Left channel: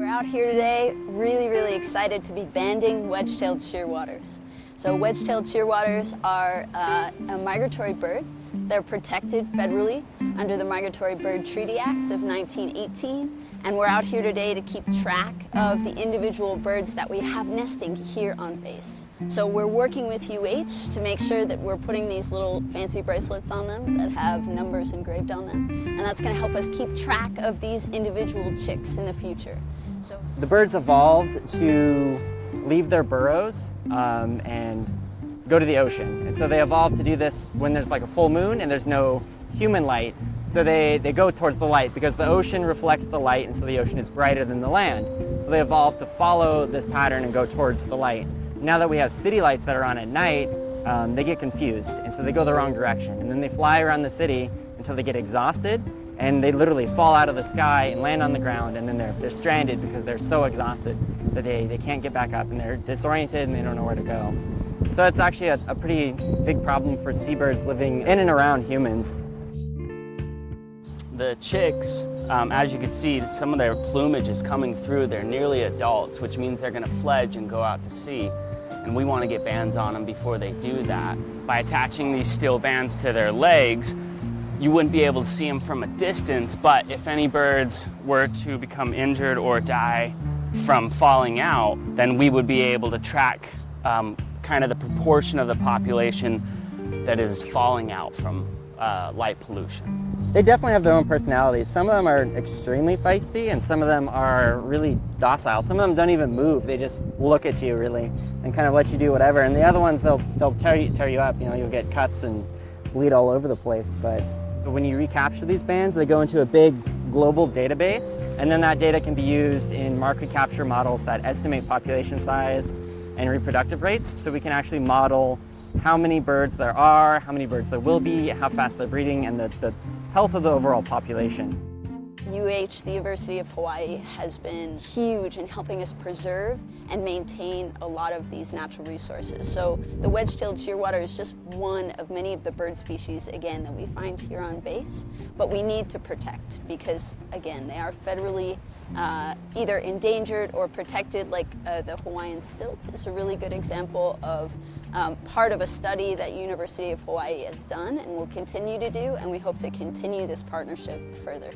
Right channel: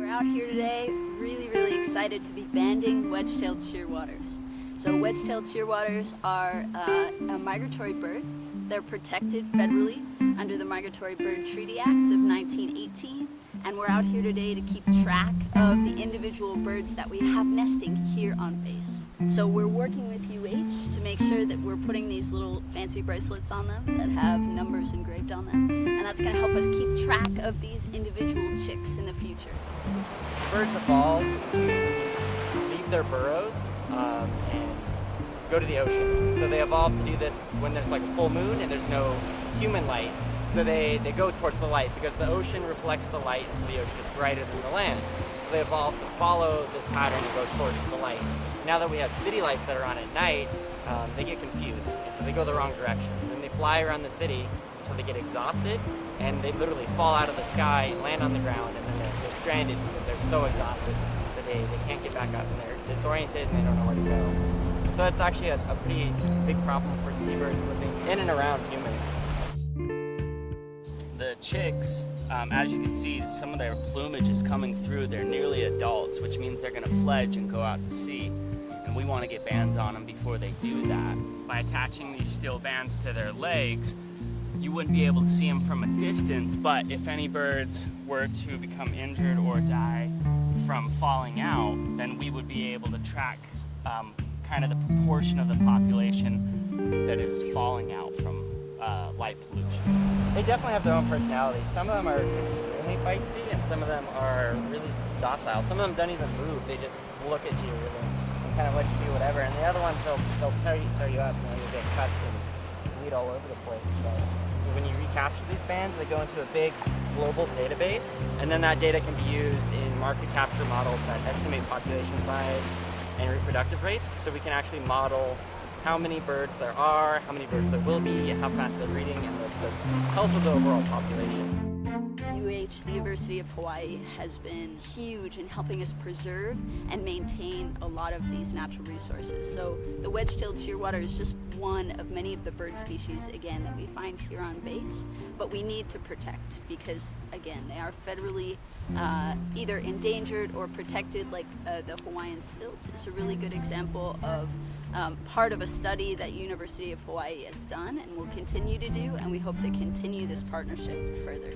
We're out here today really excited to be banding wedge-tailed shearwaters. So wedge-tailed shearwaters are a migratory bird. They're protected federally under the Migratory Bird Treaty Act of 1918. And we're out here today to keep track of the individual birds that we have nesting here on base. So we're working with UH to make sure that we're putting these little fancy bracelets on them that have numbers engraved on them. And that's going to help us keep track of these individual chicks in the future. So the birds evolved to leave their burrows and go to the ocean. And so they evolved to do this when there's like a full moon and there's no human light. So they go towards the light because the ocean reflects the light, and so the ocean is brighter than the land. So they evolved to follow this pattern and go towards the light. Now that we have city lights that are on at night, they get confused, and so they go the wrong direction. And then they fly around the city until they get exhausted, and they literally fall out of the sky and land on the ground, and then they're stranded because they're so exhausted that they can't get back up, and they're disoriented and they don't know where to go. So it's actually a pretty big problem for seabirds living in and around humans. The chicks, as you can see, some of their plumage is coming through. They're nearly adults, which means they're going to fledge and go out to sea. And we want to get bands on them before they do that. By attaching these steel bands to their legs, you wouldn't be able to see them from a distance, but if any birds were to become injured or die from falling out, then we would be able to track kind of the proportion of the population that is falling out from light pollution. They definitely have their own personalities. Some of them are extremely feisty and some of them are really docile. Some of them don't even move. They just look at you really and kind of let you do whatever. And the other ones, they'll tear you up. You know, you'll get cuts and bleed all over the place. But when you recapture these bands, they go into a big global database, and then that data can be used in market capture models that estimate population size and reproductive rates, so we can actually model how many birds there are, how many birds there will be, how fast they're breeding, and the health of the overall population. UH, the University of Hawaii, has been huge in helping us preserve and maintain a lot of these natural resources. So the wedge-tailed shearwater is just one of many of the bird species, again, that we find here on base, but we need to protect because, again, they are federally either endangered or protected, like the Hawaiian stilt is a really good example of part of a study that University of Hawaii has done and will continue to do, and we hope to continue this partnership further.